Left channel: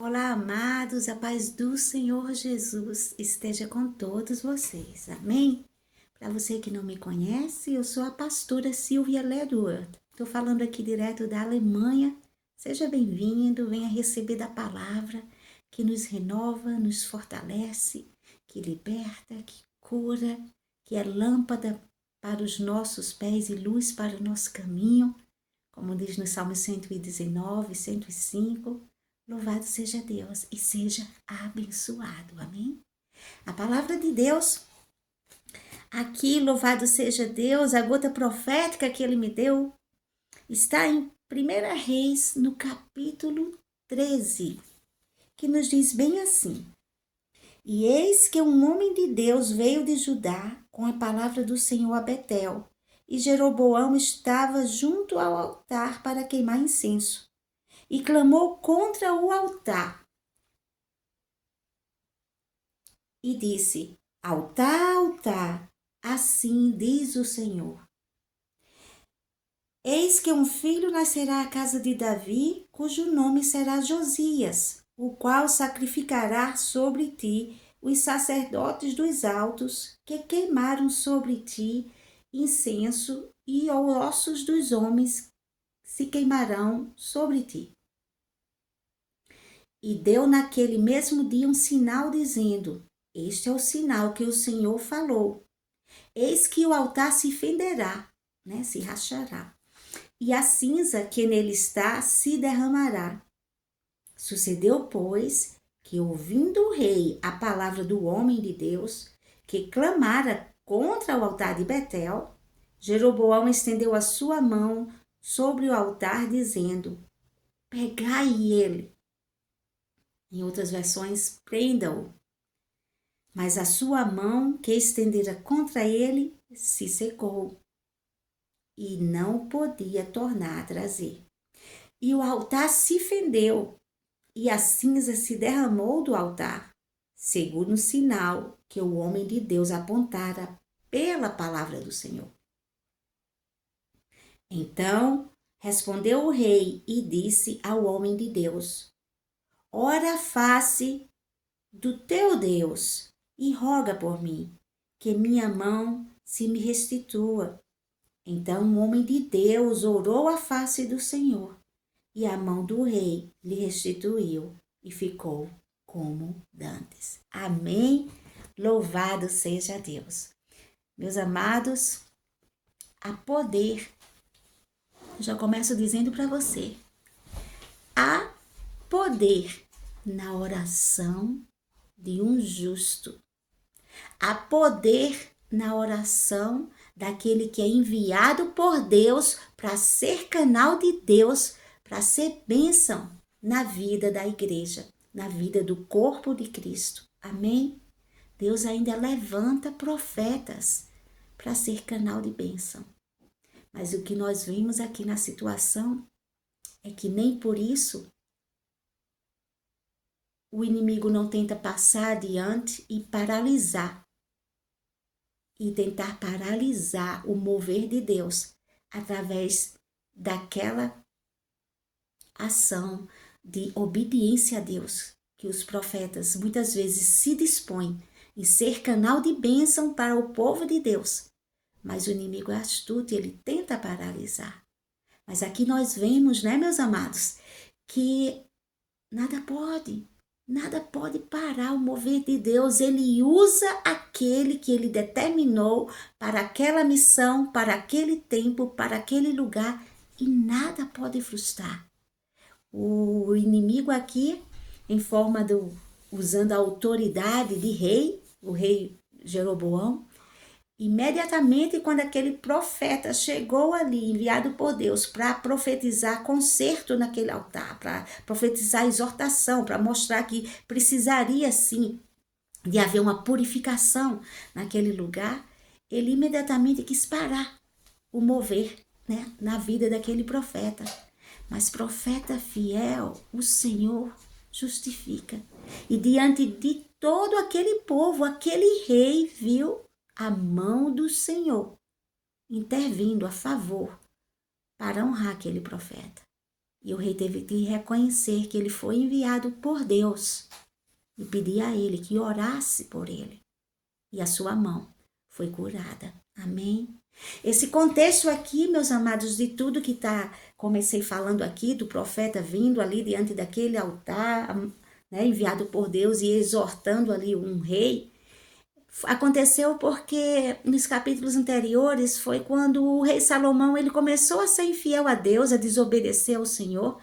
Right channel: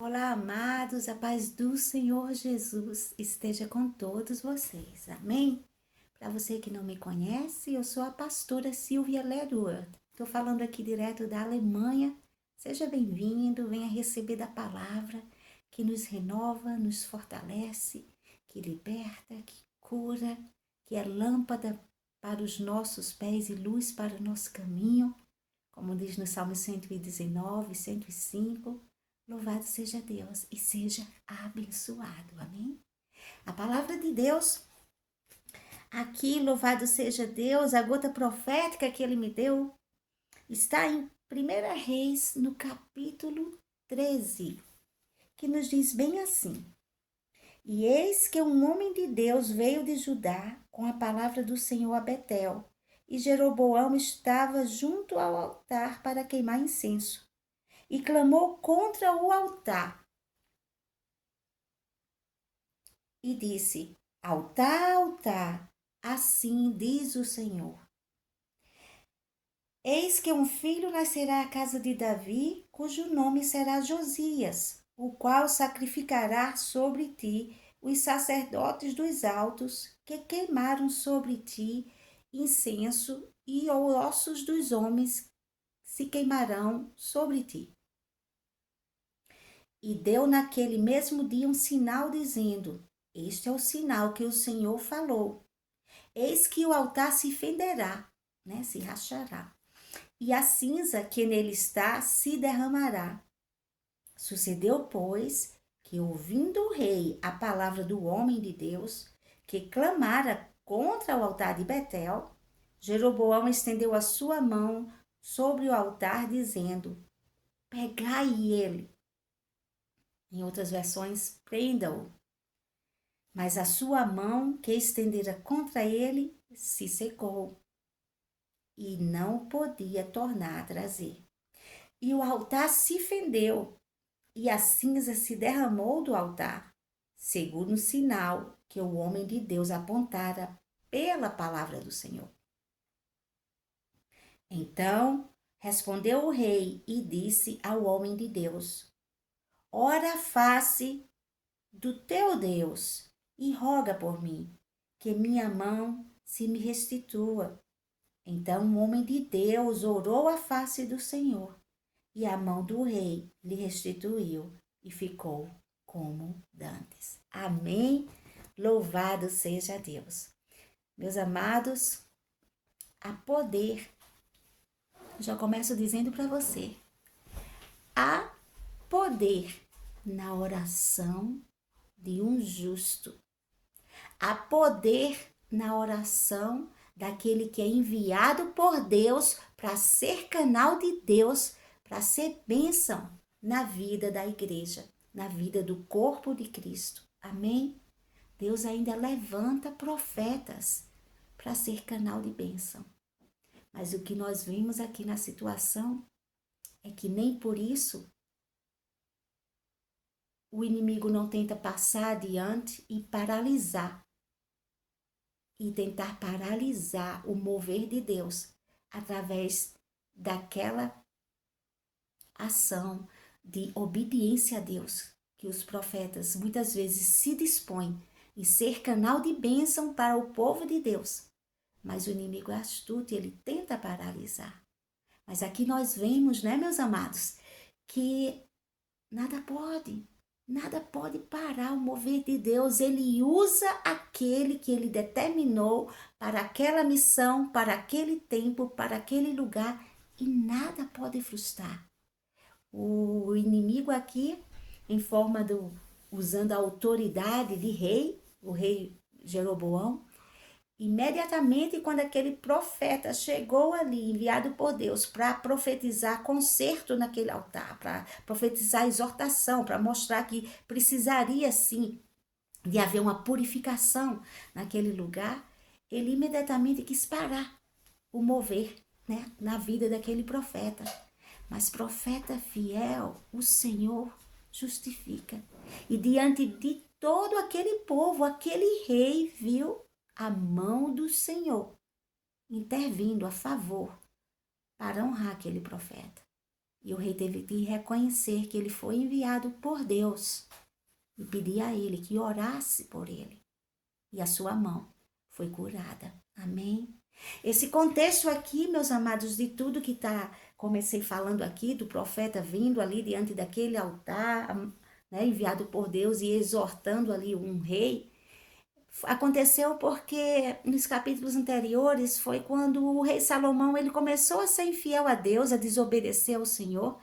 Olá, amados, a paz do Senhor Jesus esteja com todos vocês, amém? Para você que não me conhece, eu sou a pastora Silvia Ledward. Estou falando aqui direto da Alemanha. Seja bem-vindo, venha receber da palavra que nos renova, nos fortalece, que liberta, que cura, que é lâmpada para os nossos pés e luz para o nosso caminho, como diz no Salmo 119, 105. Louvado seja Deus e seja abençoado. Amém? A palavra de Deus, aqui, louvado seja Deus, a gota profética que ele me deu, está em 1 Reis, no capítulo 13, que nos diz bem assim: E eis que um homem de Deus veio de Judá com a palavra do Senhor a Betel, e Jeroboão estava junto ao altar para queimar incenso, e clamou contra o altar, e disse: Altar, altar, assim diz o Senhor. Eis que um filho nascerá à casa de Davi, cujo nome será Josias, o qual sacrificará sobre ti os sacerdotes dos altos, que queimaram sobre ti incenso, e os ossos dos homens se queimarão sobre ti. E deu naquele mesmo dia um sinal, dizendo: Este é o sinal que o Senhor falou. Eis que o altar se fenderá, se rachará, e a cinza que nele está se derramará. Sucedeu, pois, que, ouvindo o rei a palavra do homem de Deus, que clamara contra o altar de Betel, Jeroboão estendeu a sua mão sobre o altar, dizendo: Pegai ele. Em outras versões, prenda-o. Mas a sua mão que estendera contra ele se secou, e não podia tornar a trazer. E o altar se fendeu, e a cinza se derramou do altar, segundo o sinal que o homem de Deus apontara pela palavra do Senhor. Então respondeu o rei e disse ao homem de Deus: Ora a face do teu Deus e roga por mim, que minha mão se me restitua. Então o homem de Deus orou à face do Senhor, e a mão do rei lhe restituiu, e ficou como dantes. Amém? Louvado seja Deus. Meus amados, há poder. Eu já começo dizendo para você: há poder na oração de um justo. Há poder na oração daquele que é enviado por Deus para ser canal de Deus, para ser bênção na vida da igreja, na vida do corpo de Cristo. Amém? Deus ainda levanta profetas para ser canal de bênção. Mas o que nós vimos aqui na situação é que nem por isso o inimigo não tenta passar adiante e paralisar, e tentar paralisar o mover de Deus através daquela ação de obediência a Deus, que os profetas muitas vezes se dispõem em ser canal de bênção para o povo de Deus. Mas o inimigo é astuto e ele tenta paralisar. Mas aqui nós vemos, meus amados, que nada pode parar o mover de Deus. Ele usa aquele que ele determinou para aquela missão, para aquele tempo, para aquele lugar, e nada pode frustrar. O inimigo aqui, em forma usando a autoridade de rei, o rei Jeroboão, imediatamente quando aquele profeta chegou ali, enviado por Deus, para profetizar conserto naquele altar, para profetizar exortação, para mostrar que precisaria sim de haver uma purificação naquele lugar, ele imediatamente quis parar o mover, na vida daquele profeta. Mas profeta fiel, o Senhor justifica. E diante de todo aquele povo, aquele rei viu a mão do Senhor intervindo a favor para honrar aquele profeta. E o rei teve que reconhecer que ele foi enviado por Deus e pedir a ele que orasse por ele. E a sua mão foi curada. Amém? Esse contexto aqui, meus amados, de tudo que comecei falando aqui, do profeta vindo ali diante daquele altar, né, enviado por Deus e exortando ali um rei, aconteceu porque nos capítulos anteriores foi quando o rei Salomão ele começou a ser infiel a Deus, a desobedecer ao Senhor,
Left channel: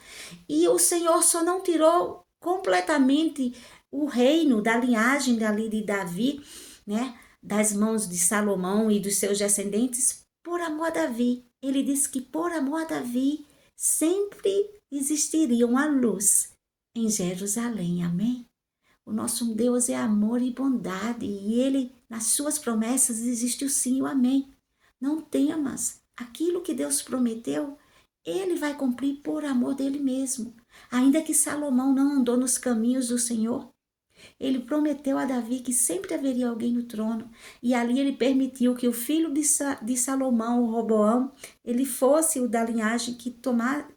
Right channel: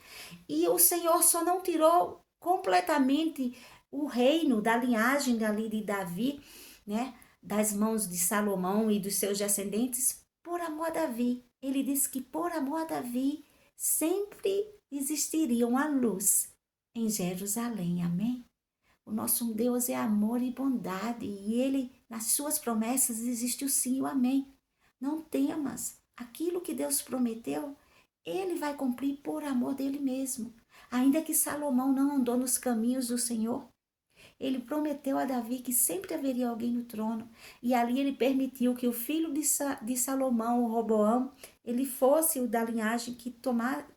e o Senhor só não tirou completamente o reino da linhagem ali de Davi, né, das mãos de Salomão e dos seus descendentes por amor a Davi. Ele disse que por amor a Davi sempre existiria uma luz em Jerusalém. Amém? O nosso Deus é amor e bondade, e Ele, nas suas promessas, existe o sim e o amém. Não temas, aquilo que Deus prometeu, Ele vai cumprir por amor dele mesmo. Ainda que Salomão não andou nos caminhos do Senhor, ele prometeu a Davi que sempre haveria alguém no trono, e ali ele permitiu que o filho de Salomão, o Roboão, ele fosse o da linhagem que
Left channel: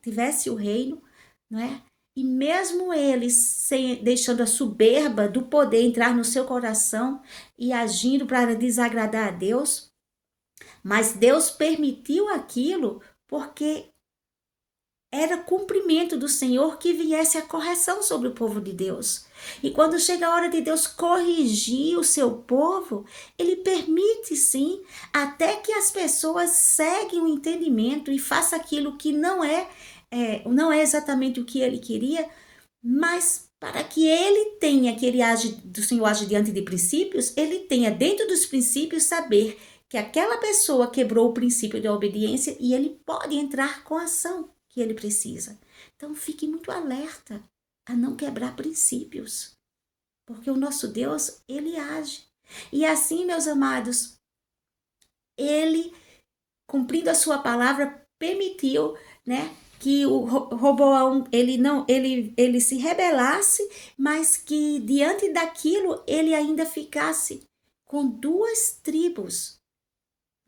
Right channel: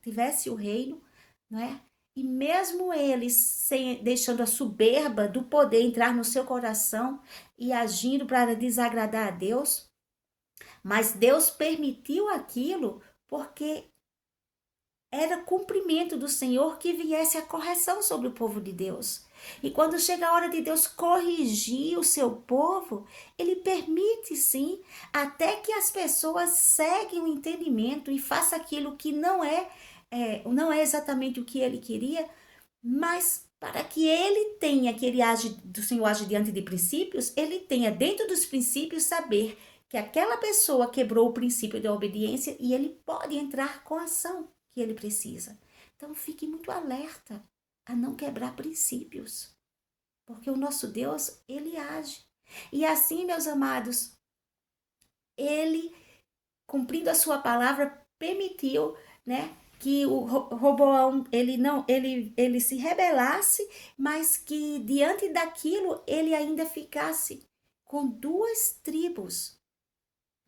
tivesse o reino, não é? E mesmo ele deixando a soberba do poder entrar no seu coração e agindo para desagradar a Deus, mas Deus permitiu aquilo porque era cumprimento do Senhor que viesse a correção sobre o povo de Deus. E quando chega a hora de Deus corrigir o seu povo, ele permite sim, até que as pessoas seguem o entendimento e façam aquilo que não é exatamente o que ele queria, mas para que ele tenha, que do Senhor age diante de princípios, ele tenha dentro dos princípios saber que aquela pessoa quebrou o princípio da obediência e ele pode entrar com a ação que ele precisa. Então fique muito alerta a não quebrar princípios, porque o nosso Deus, ele age. E assim, meus amados, ele, cumprindo a sua palavra, permitiu, né, que o Roboão ele se rebelasse, mas que diante daquilo ele ainda ficasse com duas tribos.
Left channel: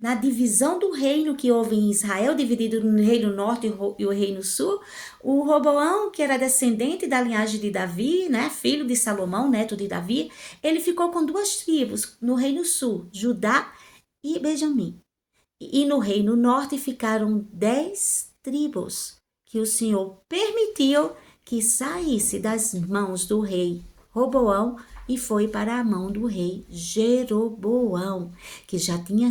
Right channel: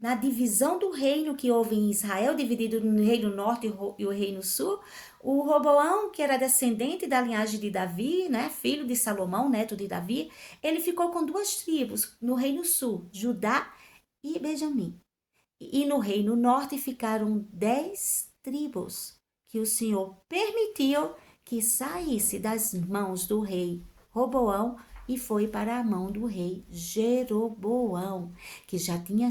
Na divisão do reino que houve em Israel, dividido no reino norte e o reino sul, o Roboão, que era descendente da linhagem de Davi, né, filho de Salomão, neto de Davi, ele ficou com duas tribos no reino sul, Judá e Benjamim. E no reino norte ficaram 10 tribos que o Senhor permitiu que saísse das mãos do rei Roboão e foi para a mão do rei Jeroboão, que já tinha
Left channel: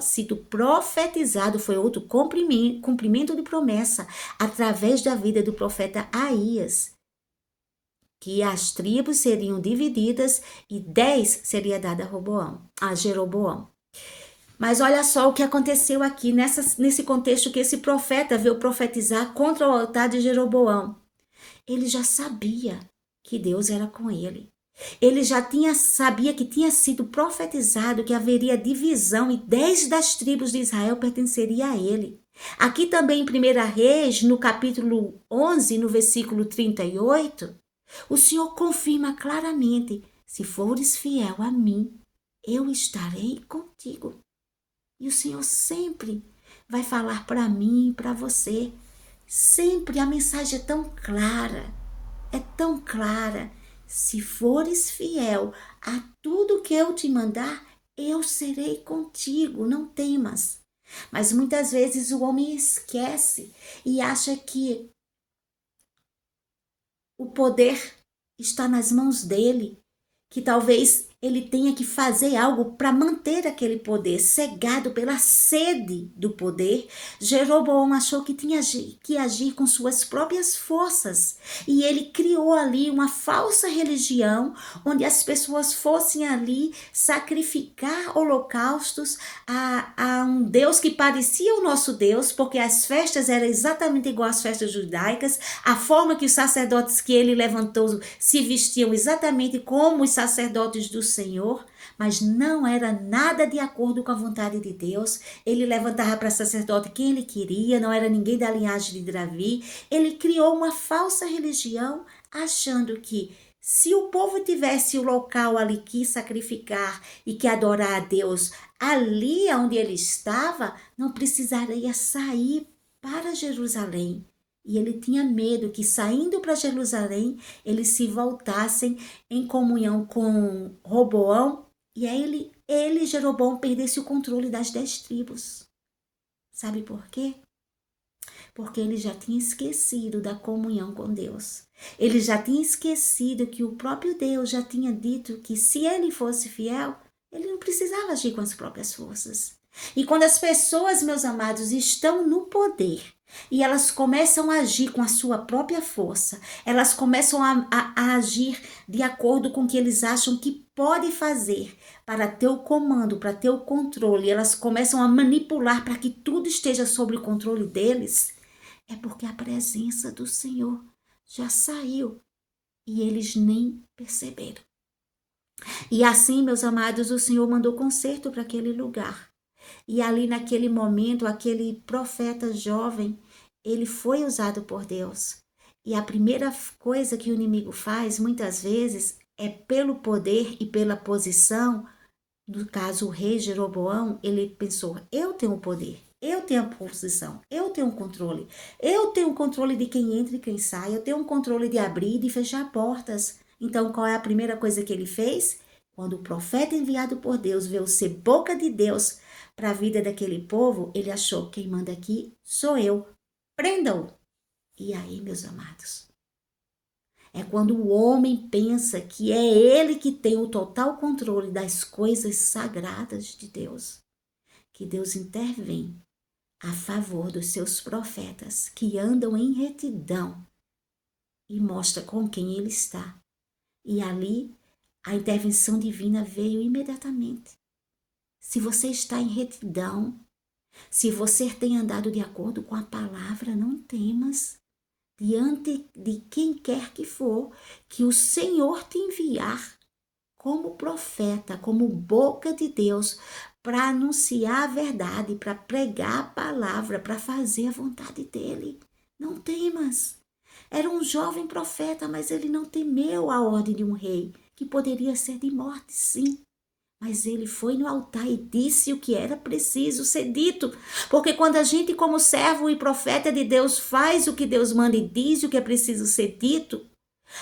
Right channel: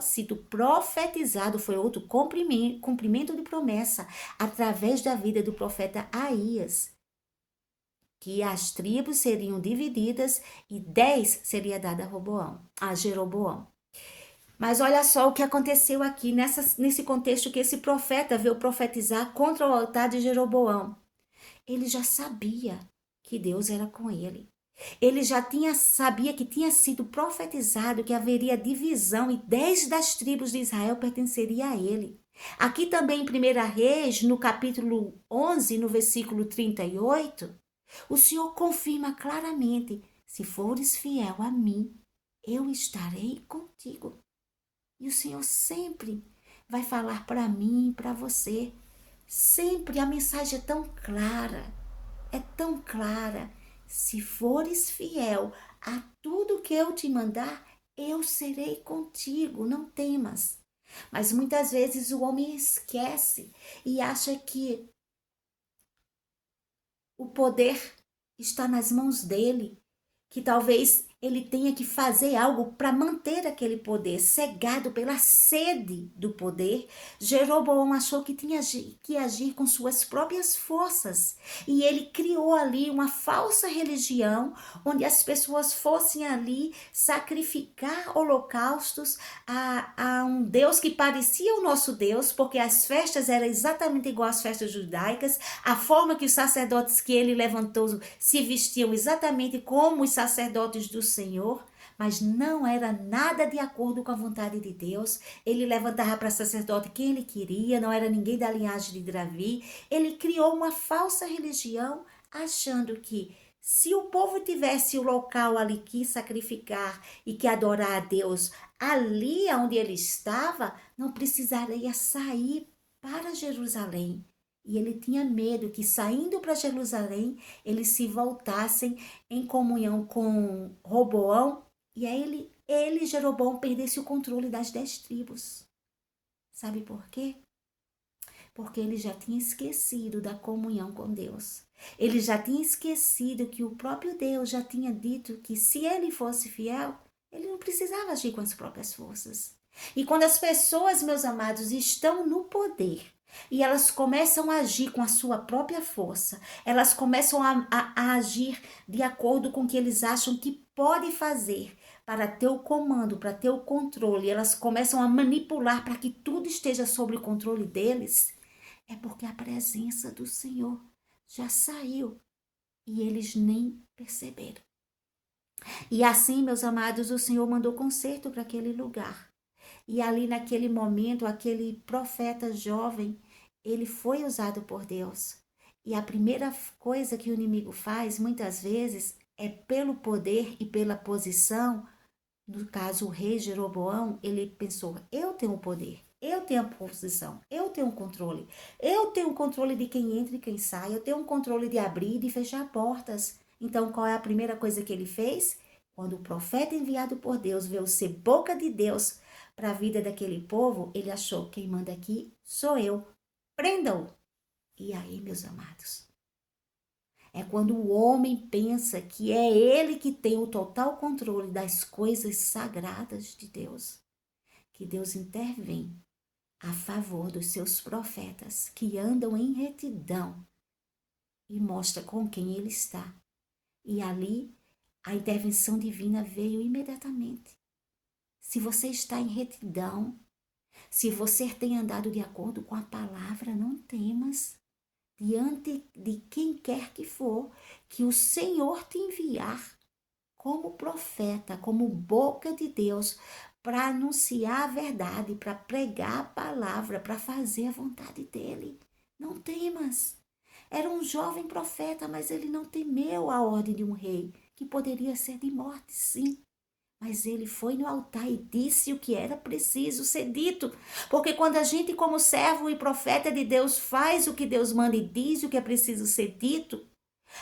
sido profetizado, foi outro cumprimento de promessa, através da vida do profeta Aías, que as tribos seriam divididas e 10 seria dada a Jeroboão. Mas olha só o que aconteceu aqui nesse contexto que esse profeta veio profetizar contra o altar de Jeroboão. Ele já sabia que Deus era com ele. Ele já sabia que tinha sido profetizado que haveria divisão e 10 das tribos de Israel pertenceriam a ele. Aqui também em 1 Reis, no capítulo 11, no versículo 38, o Senhor confirma claramente: se fores fiel a mim, eu estarei contigo. E o Senhor sempre vai falar para mim e para você. Sempre a mensagem é tão clara, é tão clara. Se fores fiel a tudo que eu te mandar, eu serei contigo, não temas. Mas muitas vezes o homem esquece e acha que o poder está nas mãos dele, que talvez ele tenha que fazer algo para manter aquele poder, cegado pela sede do poder. Jeroboão achou que tinha que agir com suas próprias forças e ele criou ali uma falsa religião onde as pessoas fossem ali sacrificar holocaustos a um Deus que parecia o nosso Deus, porque as festas eram exatamente igual às festas judaicas, a forma que os sacerdotes que ele levantou se vestiam exatamente como os sacerdotes do Senhor, mas não era nada de acordo com a vontade de Deus. Ele levantava para sacerdote quem ele queria, não era ninguém da linhagem de Davi. Ele criou uma falsa religião, achando que se o povo tivesse o local ali que sacrificar e que adorar a Deus ali onde ele estava, não precisaria sair para Jerusalém. E ele tinha medo que, saindo para Jerusalém, eles se voltassem em comunhão com Roboão, e aí Jeroboão, perdesse o controle das 10 tribos. Sabe por quê? Porque ele já tinha esquecido da comunhão com Deus. Ele já tinha esquecido que o próprio Deus já tinha dito que, se ele fosse fiel, ele não precisava agir com as próprias forças. E quando as pessoas, meus amados, estão no poder e elas começam a agir com a sua própria força, elas começam a agir de acordo com o que eles acham que pode fazer para ter o comando, para ter o controle, elas começam a manipular para que tudo esteja sob o controle deles, é porque a presença do Senhor já saiu e eles nem perceberam. E assim, meus amados, o Senhor mandou conserto para aquele lugar. E ali naquele momento, aquele profeta jovem, ele foi usado por Deus. E a primeira coisa que o inimigo faz, muitas vezes, é pelo poder e pela posição. No caso, o rei Jeroboão, ele pensou, eu tenho o poder, eu tenho a posição, eu tenho o controle. Eu tenho o controle de quem entra e quem sai, eu tenho o controle de abrir e de fechar portas. Então, qual é a primeira coisa que ele fez? Quando o profeta enviado por Deus veio ser boca de Deus para a vida daquele povo, ele achou, quem manda aqui sou eu, prenda-o. E aí, meus amados, é quando o homem pensa que é ele que tem o total controle das coisas sagradas de Deus, que Deus intervém a favor dos seus profetas que andam em retidão e mostra com quem ele está. E ali a intervenção divina veio imediatamente. Se você está em retidão, se você tem andado de acordo com a palavra, não temas. Diante de quem quer que for, que o Senhor te enviar como profeta, como boca de Deus, para anunciar a verdade, para pregar a palavra, para fazer a vontade dele. Não temas. Era um jovem profeta, mas ele não temeu a ordem de um rei, que poderia ser de morte, sim. Mas ele foi no altar e disse o que era preciso ser dito. Porque quando a gente, como servo e profeta de Deus, faz o que Deus manda e diz o que é preciso ser dito,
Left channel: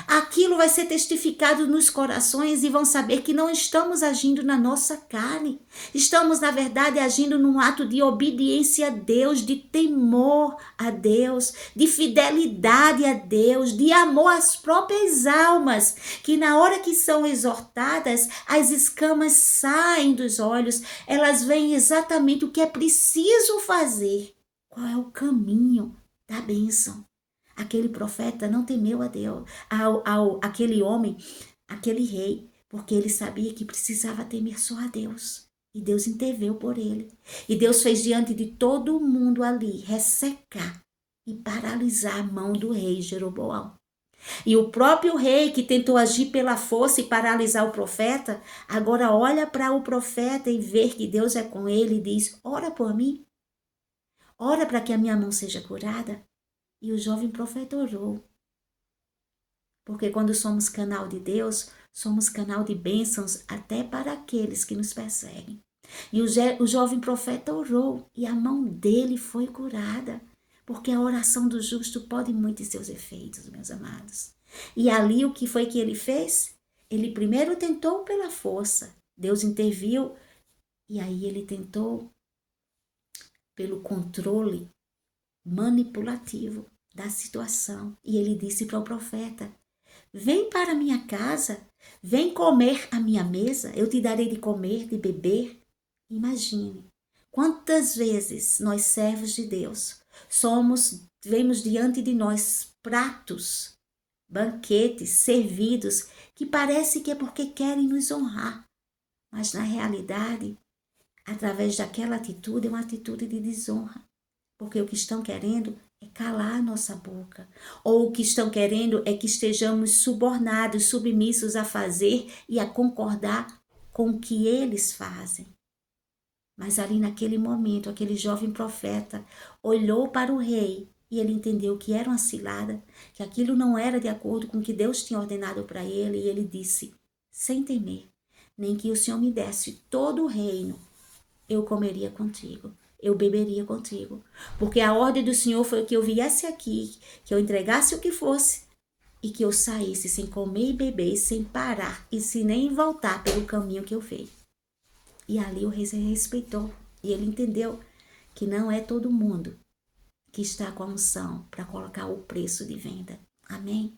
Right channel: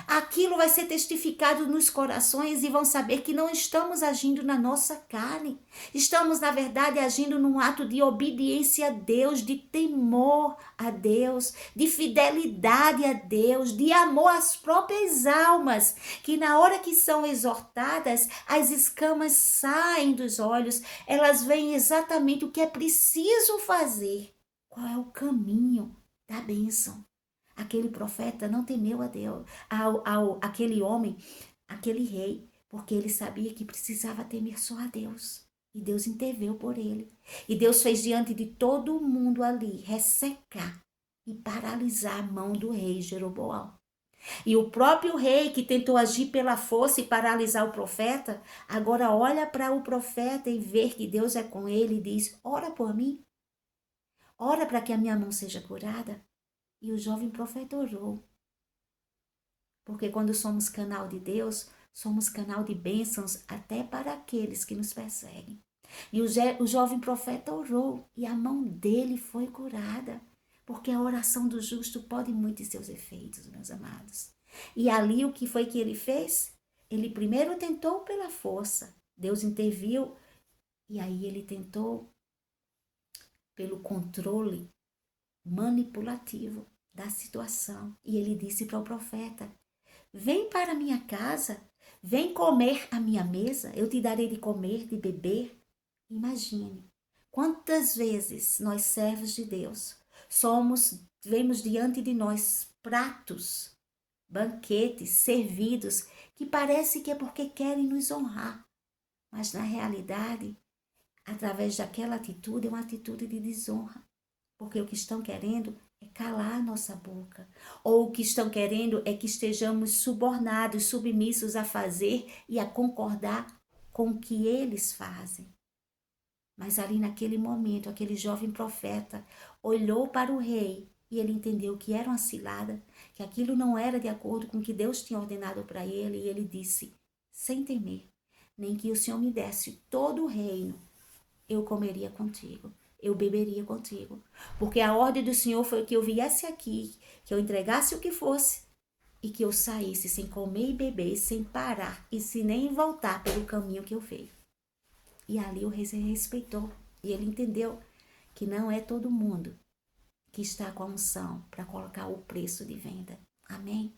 aquilo vai ser testificado nos corações e vão saber que não estamos agindo na nossa carne. Estamos, na verdade, agindo num ato de obediência a Deus, de temor a Deus, de fidelidade a Deus, de amor às próprias almas, que na hora que são exortadas, as escamas saem dos olhos, elas veem exatamente o que é preciso fazer. Qual é o caminho da bênção? Aquele profeta não temeu a Deus, aquele homem, aquele rei, porque ele sabia que precisava temer só a Deus. E Deus interveio por ele. E Deus fez diante de todo mundo ali ressecar e paralisar a mão do rei Jeroboão. E o próprio rei que tentou agir pela força e paralisar o profeta, agora olha para o profeta e vê que Deus é com ele e diz, ora por mim, ora para que a minha mão seja curada. E o jovem profeta orou. Porque quando somos canal de Deus, somos canal de bênçãos até para aqueles que nos perseguem. E o jovem profeta orou e a mão dele foi curada. Porque a oração do justo pode muito em seus efeitos, meus amados. E ali o que foi que ele fez? Ele primeiro tentou pela força. Deus interviu e aí ele tentou pelo controle manipulativo da situação. E ele disse para o profeta, vem para a minha casa, vem comer à minha mesa, eu te darei de comer, de beber. Imagine, quantas vezes nós servos de Deus vemos diante de nós pratos, banquetes, servidos, que parece que é porque querem nos honrar. Mas na realidade, através daquela atitude, é uma atitude de desonra. Porque o que estão querendo é calar a nossa boca. Ou o que estão querendo é que estejamos subornados, submissos a fazer e a concordar com o que eles fazem. Mas ali naquele momento, aquele jovem profeta olhou para o rei e ele entendeu que era uma cilada, que aquilo não era de acordo com o que Deus tinha ordenado para ele. E ele disse, sem temer, nem que o Senhor me desse todo o reino, eu comeria contigo. eu beberia contigo. Porque a ordem do Senhor foi que eu viesse aqui, que eu entregasse o que fosse e que eu saísse sem comer e beber, sem parar e sem nem voltar pelo caminho que eu veio. E ali o rei se respeitou e ele entendeu que não é todo mundo que está com a unção para colocar o preço de venda. Amém?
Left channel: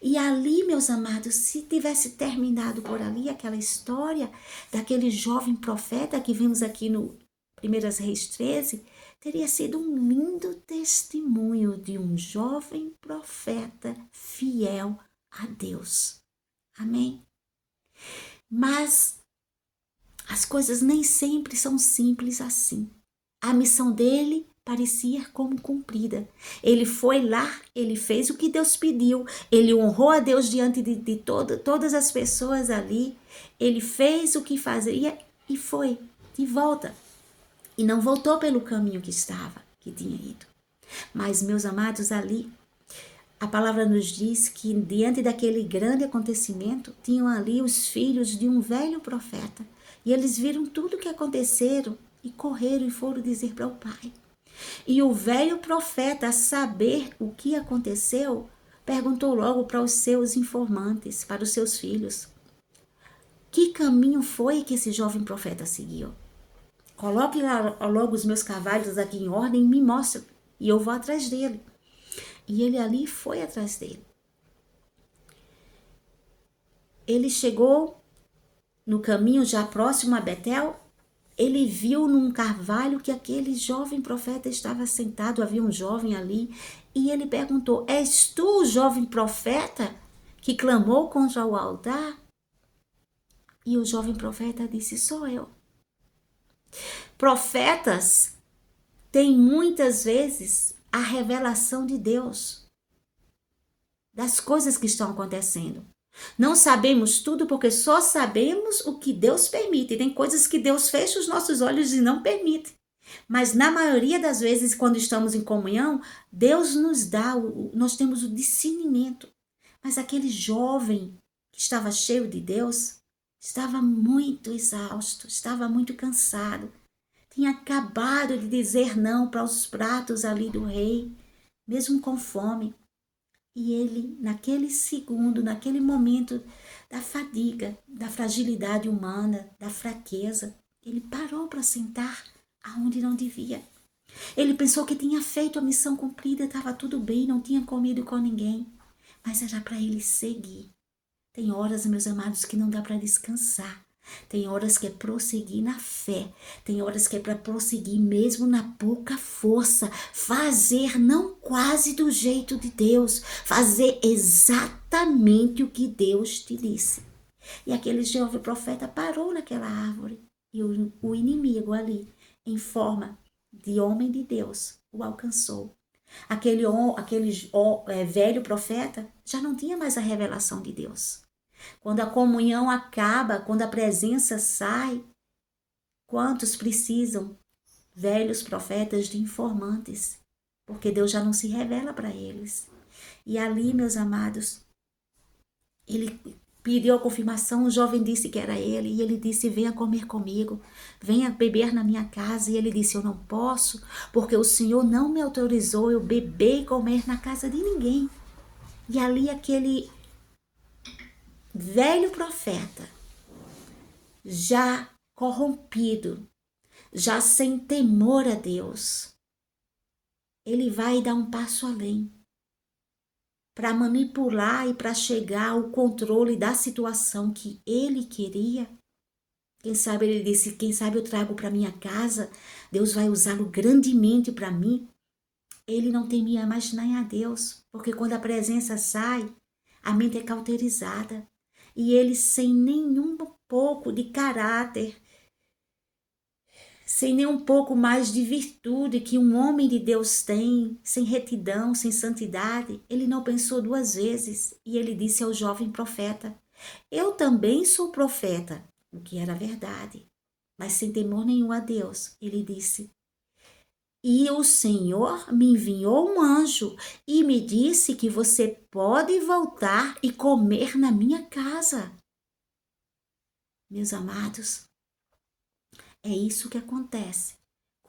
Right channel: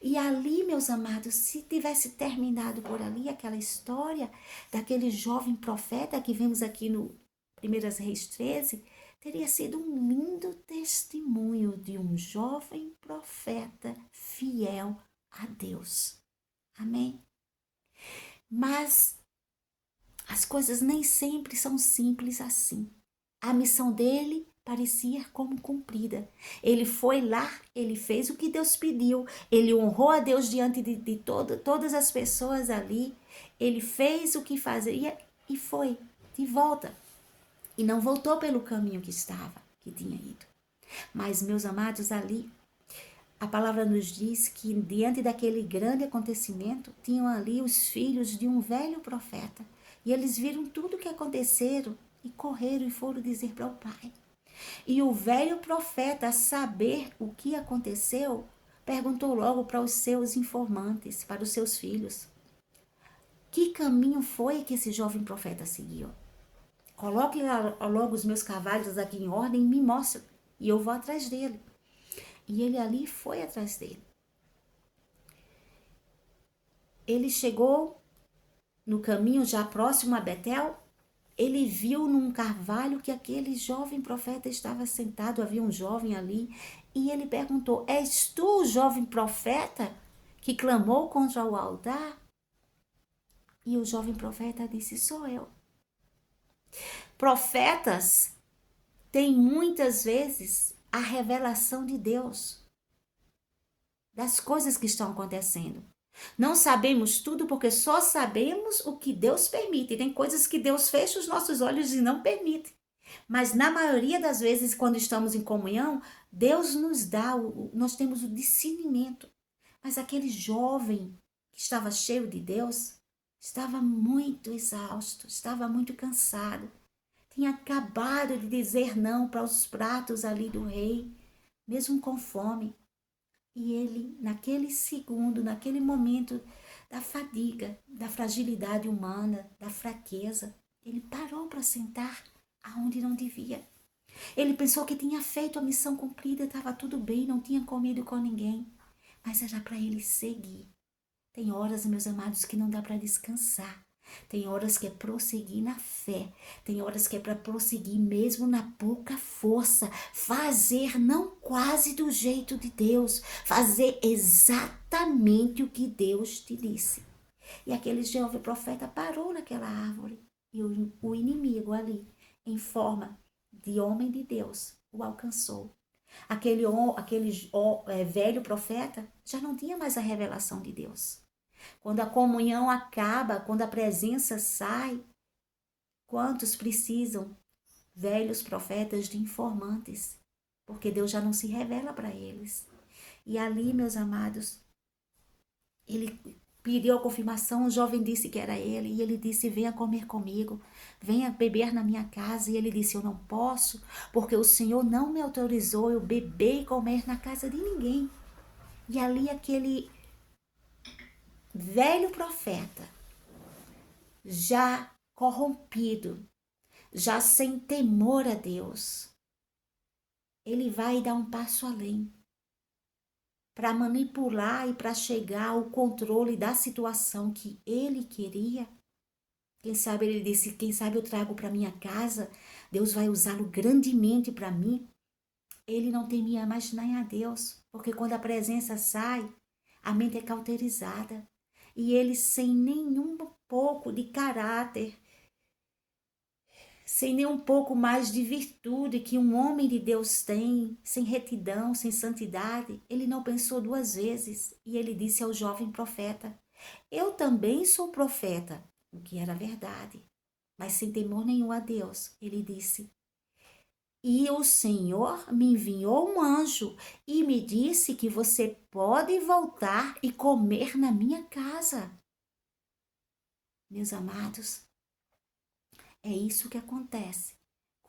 E ali, meus amados, se tivesse terminado por ali aquela história daquele jovem profeta que vimos aqui no 1 Reis 13, teria sido um lindo testemunho de um jovem profeta fiel a Deus. Amém? Mas as coisas nem sempre são simples assim. A missão dele parecia como cumprida. Ele foi lá, ele fez o que Deus pediu, ele honrou a Deus diante de todas as pessoas ali, ele fez o que fazia e foi de volta. E não voltou pelo caminho que tinha ido. Mas, meus amados, ali, a palavra nos diz que diante daquele grande acontecimento, tinham ali os filhos de um velho profeta. E eles viram tudo o que aconteceram e correram e foram dizer para o pai. E o velho profeta, a saber o que aconteceu, perguntou logo para os seus informantes, para os seus filhos: que caminho foi que esse jovem profeta seguiu? Coloque logo os meus cavalos aqui em ordem e me mostre, e eu vou atrás dele. E ele ali foi atrás dele. Ele chegou no caminho já próximo a Betel. Ele viu num carvalho que aquele jovem profeta estava sentado, havia um jovem ali, e ele perguntou: és tu o jovem profeta que clamou contra o altar? E o jovem profeta disse: sou eu. Profetas têm muitas vezes a revelação de Deus, das coisas que estão acontecendo. Não sabemos tudo porque só sabemos o que Deus permite. Tem coisas que Deus fecha os nossos olhos e não permite. Mas na maioria das vezes, quando estamos em comunhão, Deus nos dá, nós temos o discernimento. Mas aquele jovem que estava cheio de Deus, estava muito exausto, estava muito cansado. Tinha acabado de dizer não para os pratos ali do rei, mesmo com fome. E ele, naquele segundo, naquele momento da fadiga, da fragilidade humana, da fraqueza, ele parou para sentar aonde não devia. Ele pensou que tinha feito a missão cumprida, estava tudo bem, não tinha comido com ninguém. Mas era para ele seguir. Tem horas, meus amados, que não dá para descansar. Tem horas que é prosseguir na fé. Tem horas que é para prosseguir mesmo na pouca força. Fazer não quase do jeito de Deus. Fazer exatamente o que Deus te disse. E aquele jovem profeta parou naquela árvore. E o inimigo ali, em forma de homem de Deus, o alcançou. Aquele velho profeta já não tinha mais a revelação de Deus. Quando a comunhão acaba, quando a presença sai, quantos precisam? Velhos profetas de informantes, porque Deus já não se revela para eles. E ali, meus amados, ele pediu a confirmação, o jovem disse que era ele, e ele disse: venha comer comigo, venha beber na minha casa. E ele disse: eu não posso, porque o Senhor não me autorizou eu beber e comer na casa de ninguém. E ali aquele velho profeta, já corrompido, já sem temor a Deus, ele vai dar um passo além para manipular e para chegar ao controle da situação que ele queria. Quem sabe ele disse: quem sabe eu trago para minha casa, Deus vai usá-lo grandemente para mim. Ele não temia mais nem a Deus, porque quando a presença sai, a mente é cauterizada. E ele, sem nenhum pouco de caráter, sem nem um pouco mais de virtude que um homem de Deus tem, sem retidão, sem santidade, ele não pensou duas vezes e ele disse ao jovem profeta: eu também sou profeta, o que era verdade, mas sem temor nenhum a Deus. Ele disse: e o Senhor me enviou um anjo e me disse que você pode voltar e comer na minha casa. Meus amados, é isso que acontece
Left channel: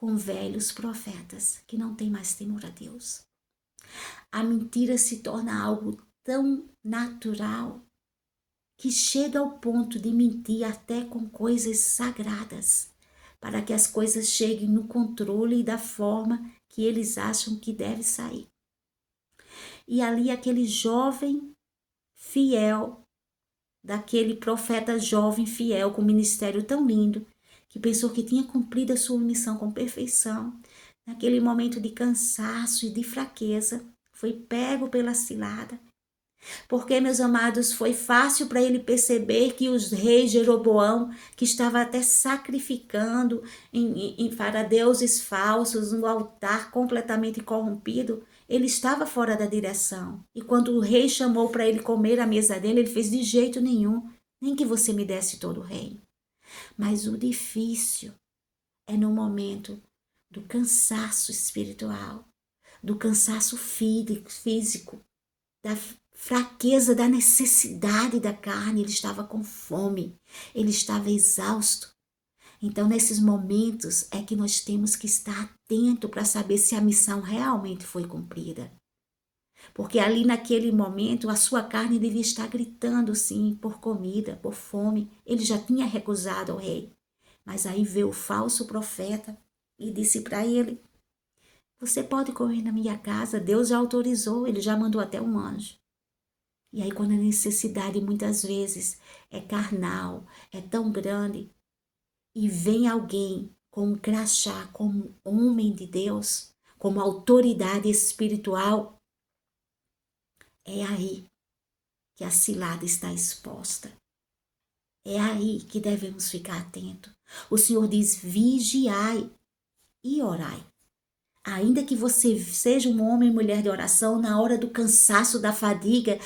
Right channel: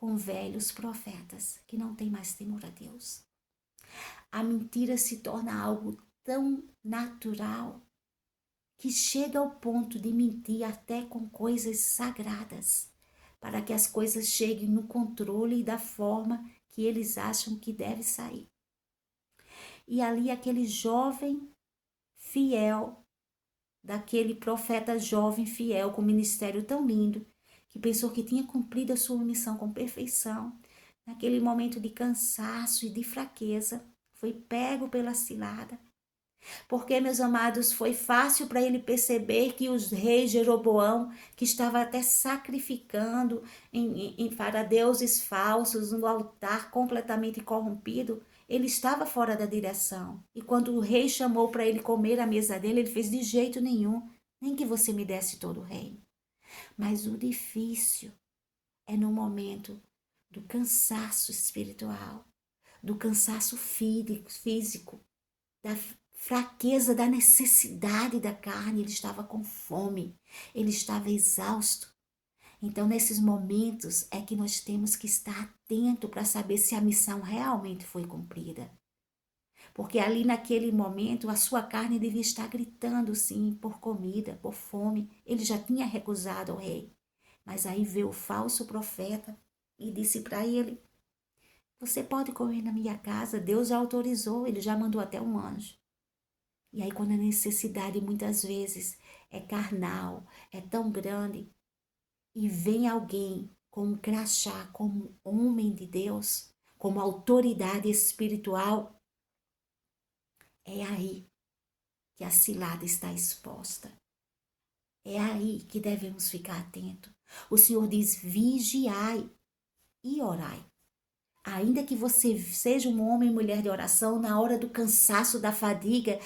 com velhos profetas que não têm mais temor a Deus. A mentira se torna algo tão natural que chega ao ponto de mentir até com coisas sagradas, para que as coisas cheguem no controle da forma que eles acham que deve sair. E ali aquele jovem fiel, daquele profeta jovem fiel com um ministério tão lindo, que pensou que tinha cumprido a sua missão com perfeição, naquele momento de cansaço e de fraqueza, foi pego pela cilada. Porque, meus amados, foi fácil para ele perceber que os reis Jeroboão, que estava até sacrificando para deuses falsos, um altar completamente corrompido, ele estava fora da direção. E quando o rei chamou para ele comer à mesa dele, ele fez de jeito nenhum, nem que você me desse todo o reino. Mas o difícil é no momento do cansaço espiritual, do cansaço físico, da fraqueza, da necessidade da carne. Ele estava com fome, ele estava exausto. Então, nesses momentos é que nós temos que estar atento para saber se a missão realmente foi cumprida. Porque ali naquele momento a sua carne devia estar gritando sim por comida, por fome. Ele já tinha recusado ao rei. Mas aí veio o falso profeta e disse para ele: você pode comer na minha casa, Deus já autorizou, ele já mandou até um anjo. E aí quando a necessidade muitas vezes é carnal, é tão grande, e vem alguém com um crachá, como homem de Deus, como autoridade espiritual, é aí que a cilada está exposta. É aí que devemos ficar atentos. O Senhor diz: vigiai e orai. Ainda que você seja um homem e mulher de oração, na hora do cansaço, da fadiga,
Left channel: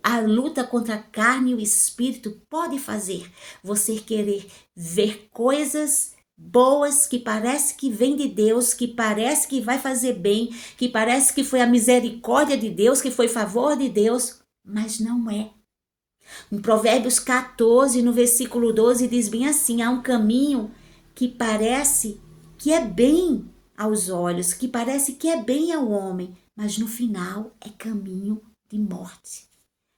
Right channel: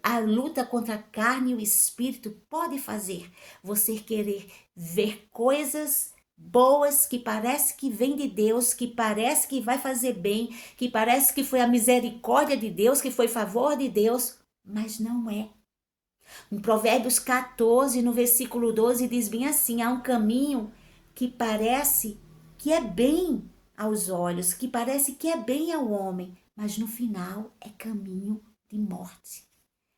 a luta contra a carne e o espírito pode fazer você querer ver coisas boas que parece que vem de Deus, que parece que vai fazer bem, que parece que foi a misericórdia de Deus, que foi favor de Deus, mas não é. Em Provérbios 14, no versículo 12, diz bem assim: há um caminho que parece que é bem aos olhos, que parece que é bem ao homem, mas no final é caminho de morte.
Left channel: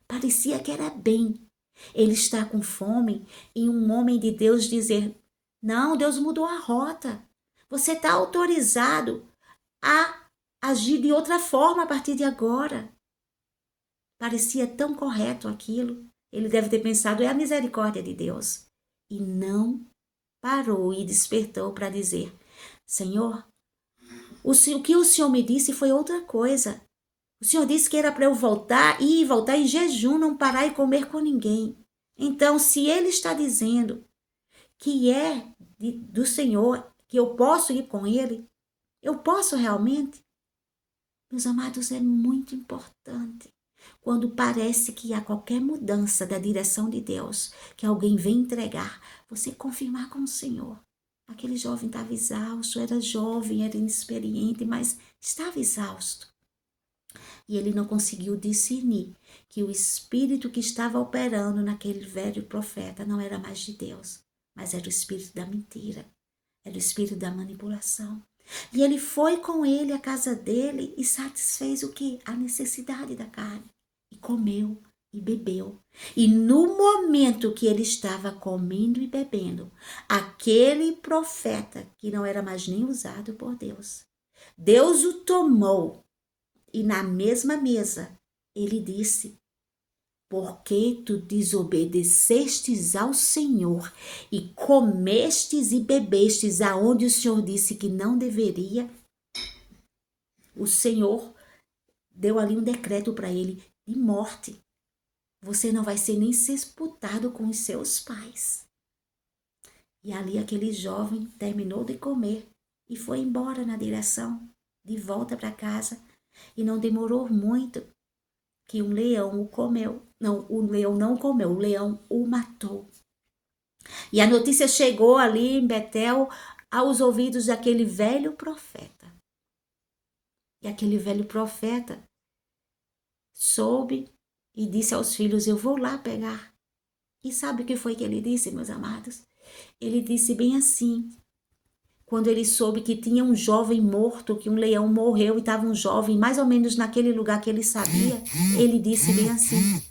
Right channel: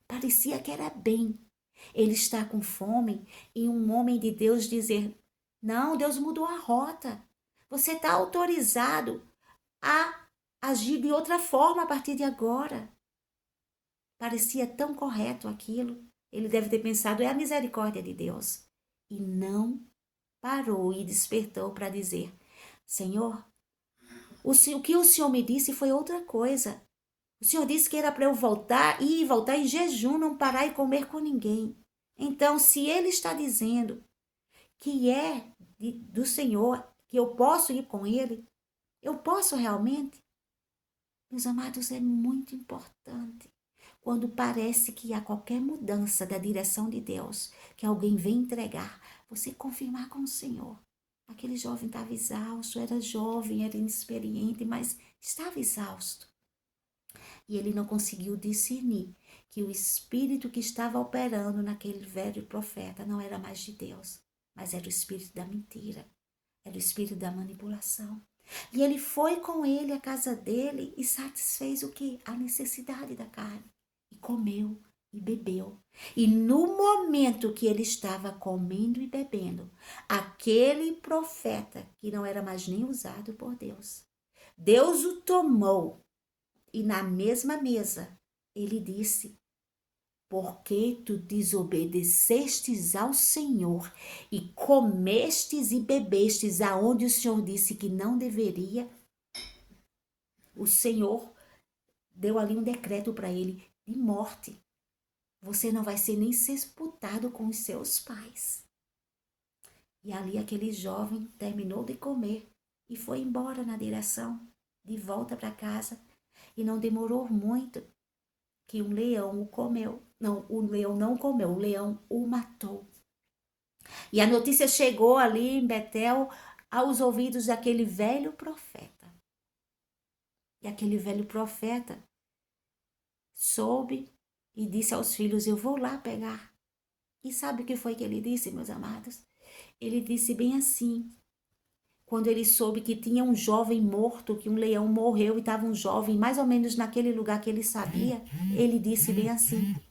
Parecia que era bem. Ele está com fome e um homem de Deus dizer: não, Deus mudou a rota. Você está autorizado a agir de outra forma a partir de agora. Parecia tão correto aquilo. Ele deve ter pensado: é a misericórdia de Deus. E não parou e despertou para dizer: Senhor, o que o Senhor me disse foi outra coisa. O Senhor disse que era para eu voltar em jejum, não parar e comer com ninguém. Então, se Ele está dizendo que é do Senhor, que eu posso ir com Ele, eu posso realmente? Meus amados, é muito importante. Quando parece que há qualquer mudança da direção de Deus, que alguém vem entregar, você confirmar com o Senhor. Aquele jovem estava exausto, era jovem, era inexperiente, mas estava exausto. E ele não conseguiu discernir que o espírito que estava operando naquele velho profeta não era mais de Deus, mas era o espírito da mentira, era o espírito da manipulação. E ele foi com ele à casa dele e satisfez o quê? A necessidade da carne. E comeu e bebeu. E no momento que ele estava comendo e bebendo, aquele profeta, que não era mais nem usado por Deus, Deus o tomou e na mesma mesa ele disse: porque tu desobedecestes ao Senhor e comestes e bebestes aonde o Senhor disse que não deveria, o Senhor deu ali um decreto para ele de morte. Você não vai ser nem sepultado com os seus pais. E ali aquele jovem terminou de comer e foi embora na direção de volta para casa. E não demorou muito que um leão o comeu. Não, o leão não comeu, o leão o matou. E a notícia chegou ali em Betel aos ouvidos daquele velho profeta. E aquele velho profeta soube e disse aos filhos: eu vou lá pegar. E sabe o que foi que ele disse, meus amados? Ele disse bem assim: quando ele soube que tinha um jovem morto, que um leão morreu e estava um jovem mais ou menos naquele lugar que ele sabia, ele disse bem assim:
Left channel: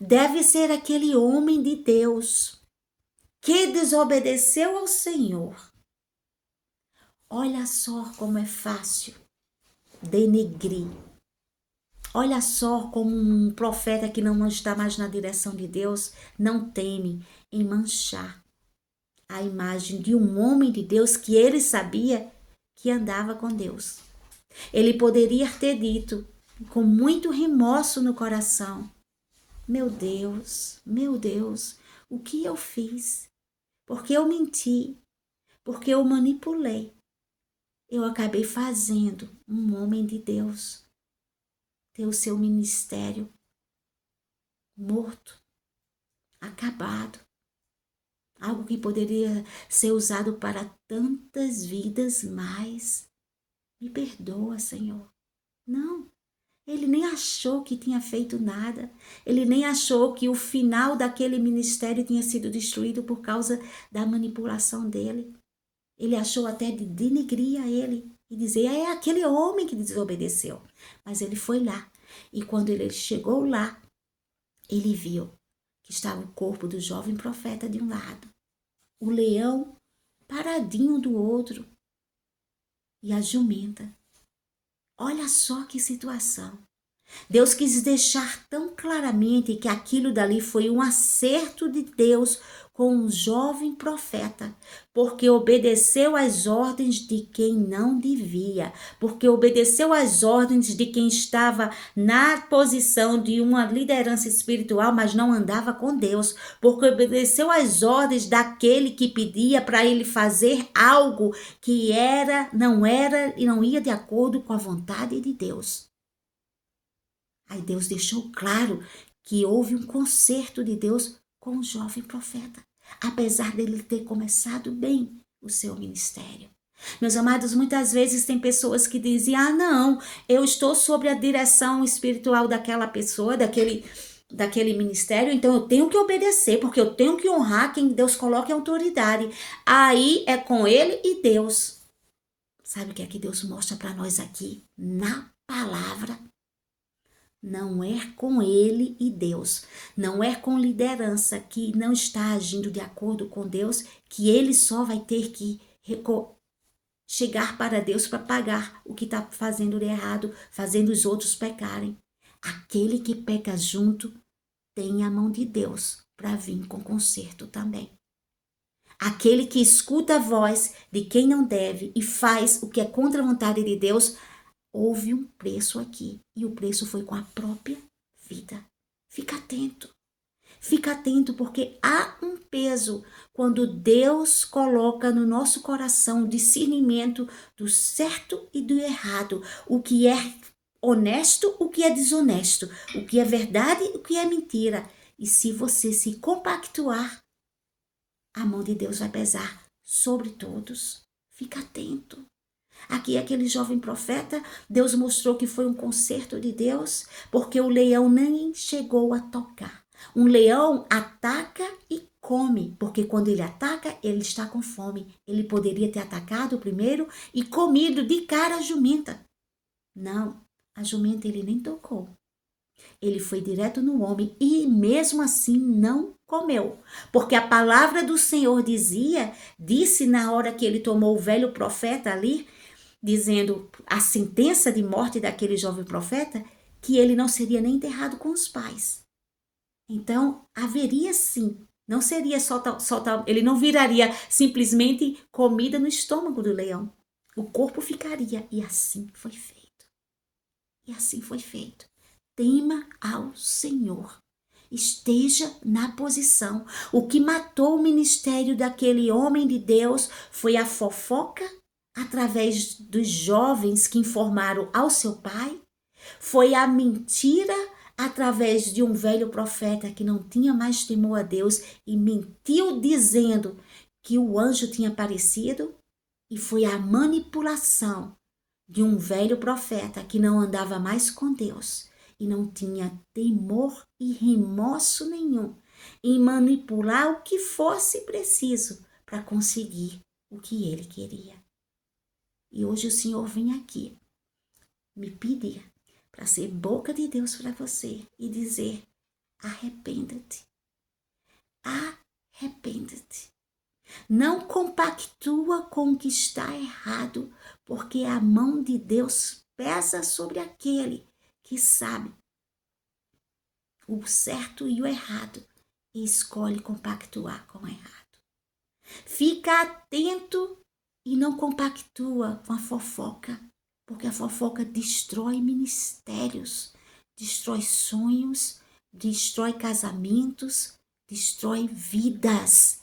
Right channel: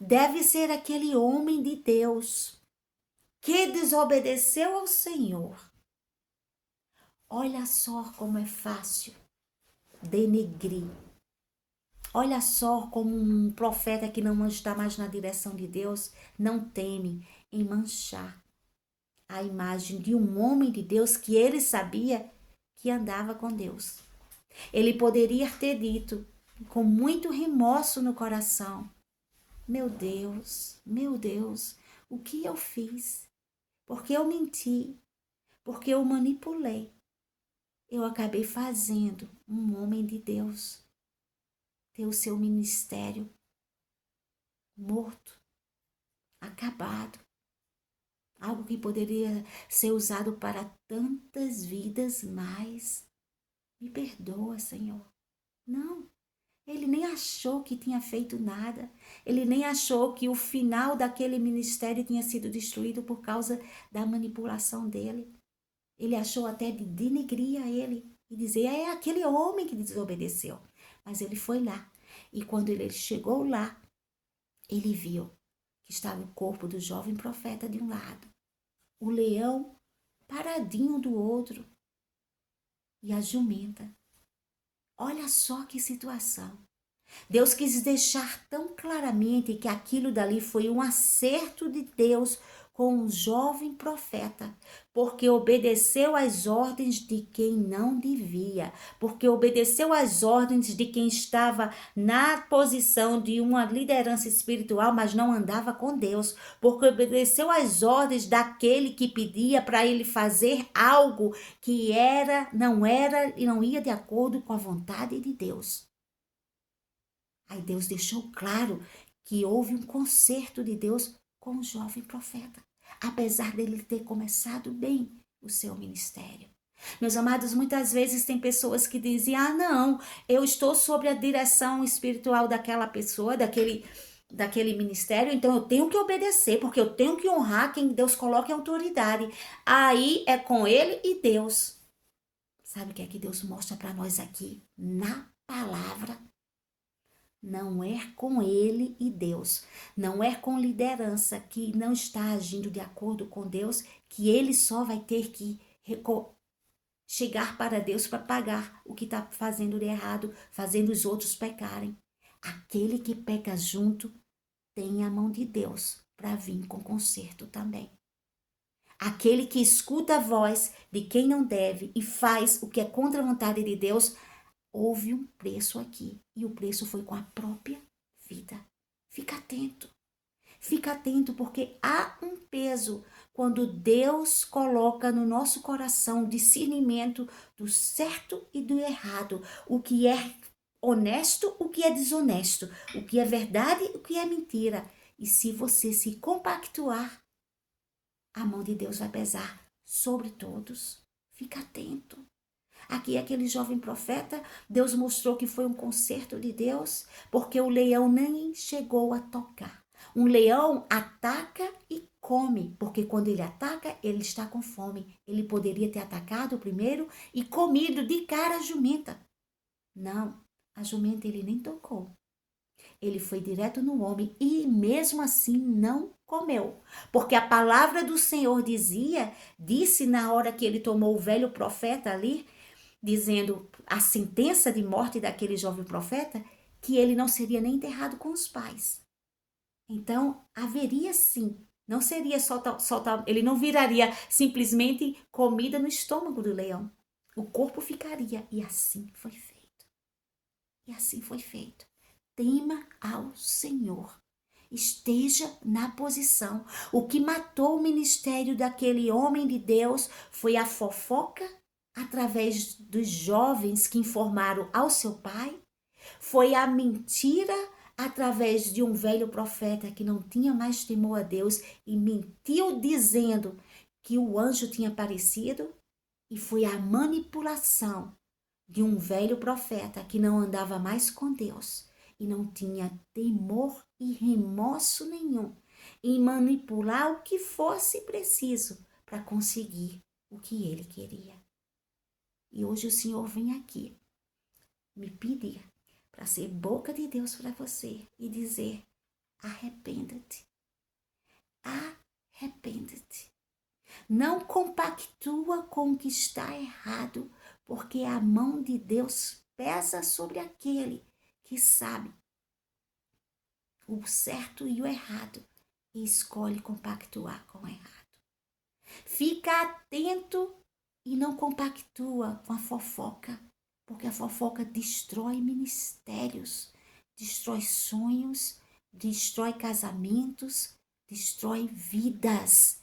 deve ser aquele homem de Deus que desobedeceu ao Senhor. Olha só como é fácil denegrir. Olha só como um profeta que não está mais na direção de Deus não teme em manchar a imagem de um homem de Deus que ele sabia que andava com Deus. Ele poderia ter dito com muito remorso no coração: meu Deus, o que eu fiz? Porque eu menti, porque eu manipulei. Eu acabei fazendo um homem de Deus ter o seu ministério morto, acabado. Algo que poderia ser usado para tantas vidas mais. Me perdoa, Senhor. Não, ele nem achou que tinha feito nada. Ele nem achou que o final daquele ministério tinha sido destruído por causa da manipulação dele. Ele achou até de denegrir a ele e dizer: é aquele homem que desobedeceu. Mas ele foi lá. E quando ele chegou lá, ele viu que estava o corpo do jovem profeta de um lado, o leão paradinho do outro e a jumenta. Olha só que situação. Deus quis deixar tão claramente que aquilo dali foi um acerto de Deus com um jovem profeta, porque obedeceu às ordens de quem não devia, porque obedeceu às ordens de quem estava na posição de uma liderança espiritual, mas não andava com Deus, porque obedeceu às ordens daquele que pedia para ele fazer algo que não era e não ia de acordo com a vontade de Deus. Aí Deus deixou claro que houve um conserto de Deus com o jovem profeta, apesar dele ter começado bem o seu ministério. Meus amados, muitas vezes tem pessoas que dizem: não, eu estou sob a direção espiritual daquela pessoa, daquele ministério, então eu tenho que obedecer, porque eu tenho que honrar quem Deus coloca em autoridade. Aí é com ele e Deus. Sabe o que é que Deus mostra para nós aqui na palavra? Não é com ele e Deus, não é com liderança que não está agindo de acordo com Deus que ele só vai ter que chegar para Deus para pagar o que está fazendo de errado, fazendo os outros pecarem. Aquele que peca junto tem a mão de Deus para vir com conserto também. Aquele que escuta a voz de quem não deve e faz o que é contra a vontade de Deus, houve um preço aqui, e o preço foi com a própria vida. Fica atento, porque há um peso quando Deus coloca no nosso coração o discernimento do certo e do errado, o que é honesto, o que é desonesto, o que é verdade, o que é mentira. E se você se compactuar, a mão de Deus vai pesar sobre todos. Fica atento. Aqui, aquele jovem profeta, Deus mostrou que foi um conserto de Deus, porque o leão nem chegou a tocar. Um leão ataca e come, porque quando ele ataca, ele está com fome. Ele poderia ter atacado primeiro e comido de cara a jumenta. Não, a jumenta ele nem tocou. Ele foi direto no homem e mesmo assim não comeu, porque a palavra do Senhor disse na hora que ele tomou o velho profeta ali, dizendo a sentença de morte daquele jovem profeta, que ele não seria nem enterrado com os pais. Então, haveria sim, não seria só ele não viraria simplesmente comida no estômago do leão. O corpo ficaria, e assim foi feito. E assim foi feito. Tema ao Senhor. Esteja na posição. O que matou o ministério daquele homem de Deus foi a fofoca através dos jovens que informaram ao seu pai, foi a mentira através de um velho profeta que não tinha mais temor a Deus e mentiu dizendo que o anjo tinha aparecido, e foi a manipulação de um velho profeta que não andava mais com Deus e não tinha temor e remorso nenhum em manipular o que fosse preciso para conseguir o que ele queria. E hoje o Senhor vem aqui me pedir para ser boca de Deus para você e dizer: arrependa-te. Arrependa-te. Não compactua com o que está errado, porque a mão de Deus pesa sobre aquele que sabe o certo e o errado e escolhe compactuar com o errado. Fica atento e não compactua com a fofoca, porque a fofoca destrói ministérios, destrói sonhos, destrói casamentos, destrói vidas.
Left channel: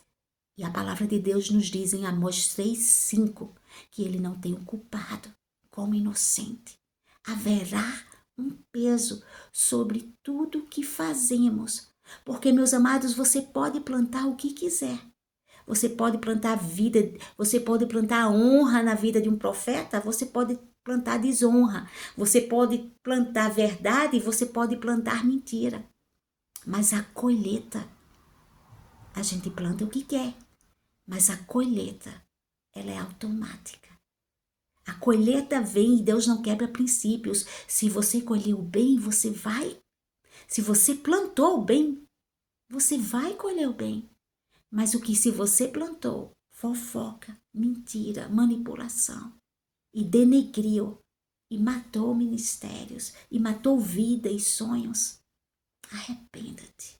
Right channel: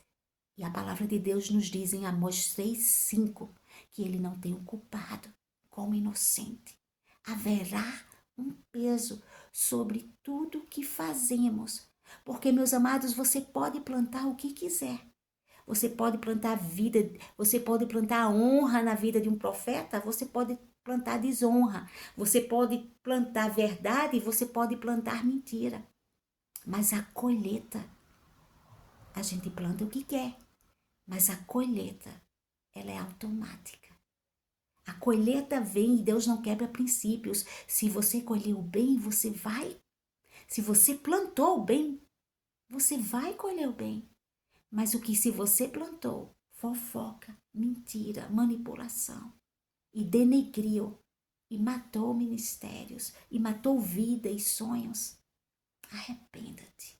E a palavra de Deus nos diz em Amós 3:5 que ele não tem o culpado como inocente. Haverá um peso sobre tudo que fazemos, porque, meus amados, você pode plantar o que quiser. Você pode plantar vida, você pode plantar honra na vida de um profeta, você pode plantar desonra, você pode plantar verdade, você pode plantar mentira. Mas a colheita, a gente planta o que quer, mas a colheita, ela é automática. A colheita vem e Deus não quebra princípios. Se você colheu o bem, você vai. Se você plantou o bem, você vai colher o bem. Mas o que se você plantou, fofoca, mentira, manipulação, e denegriu, e matou ministérios, e matou vida e sonhos, arrependa-te.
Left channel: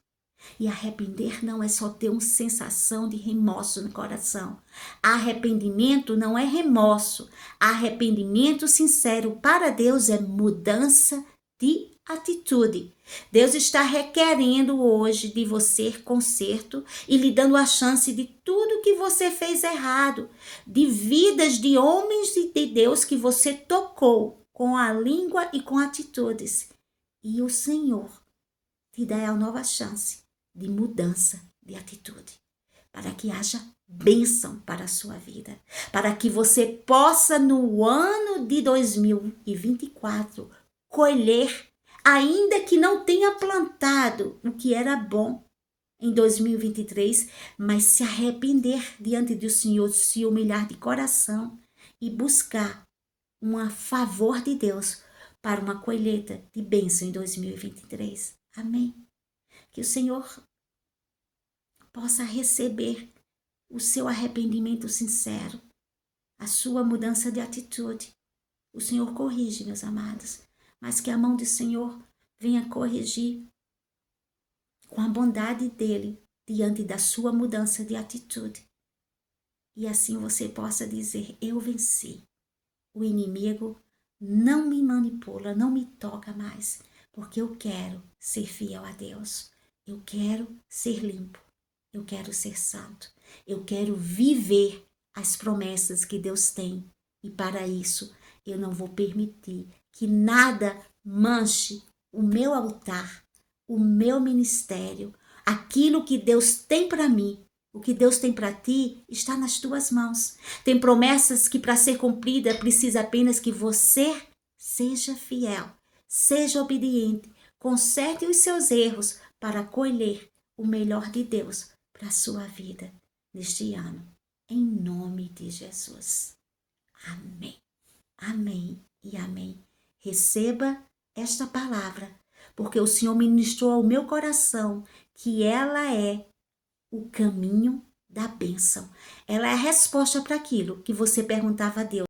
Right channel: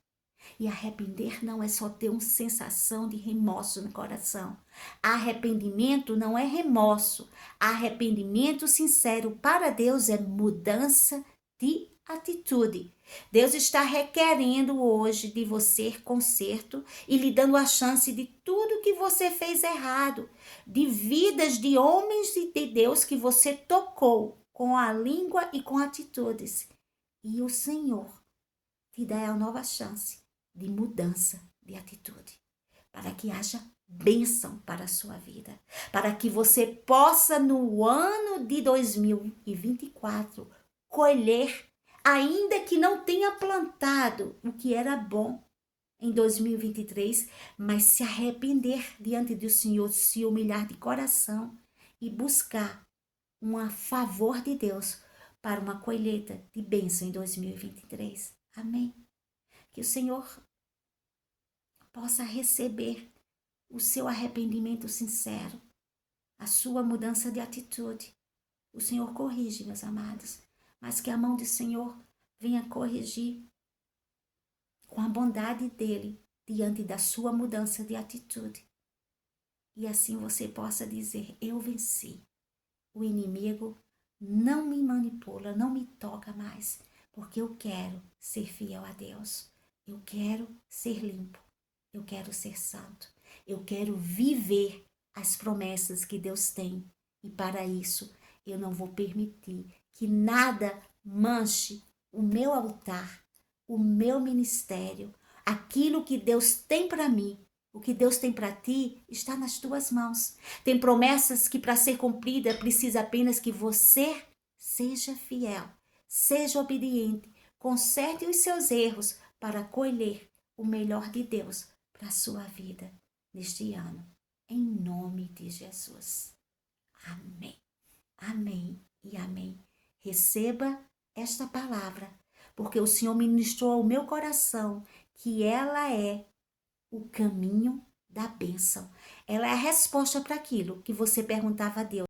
E arrepender não é só ter uma sensação de remorso no coração. Arrependimento não é remorso. Arrependimento sincero para Deus é mudança de atitude. Deus está requerendo hoje de você conserto e lhe dando a chance de tudo que você fez errado, de vidas de homens de Deus que você tocou com a língua e com atitudes. E o Senhor te dá a nova chance de mudança de atitude, para que haja bênção para a sua vida, para que você possa no ano de 2024 colher, ainda que não tenha plantado o que era bom em 2023, mas se arrepender diante do Senhor, se humilhar de coração e buscar um favor de Deus para uma colheita de bênção em 2023. Amém? Que o Senhor possa receber o seu arrependimento sincero, a sua mudança de atitude. O Senhor corrige, meus amados, mas que a mão do Senhor venha corrigir com a bondade dele diante da sua mudança de atitude. E assim você possa dizer: eu venci. O inimigo não me manipula, não me toca mais, porque eu quero ser fiel a Deus. Eu quero ser limpo. Eu quero ser santo. Eu quero viver as promessas que Deus tem. E para isso, eu não vou permitir que nada manche o meu altar, o meu ministério, aquilo que Deus tem para mim. O que Deus tem para ti está nas tuas mãos. Tem promessas que, para ser cumprida, precisa apenas que você seja fiel, seja obediente, conserte os seus erros para colher o melhor de Deus para a sua vida neste ano. Em nome de Jesus. Amém. Amém e amém. Receba esta palavra, porque o Senhor ministrou ao meu coração que ela é o caminho da bênção. Ela é a resposta para aquilo que você perguntava a Deus.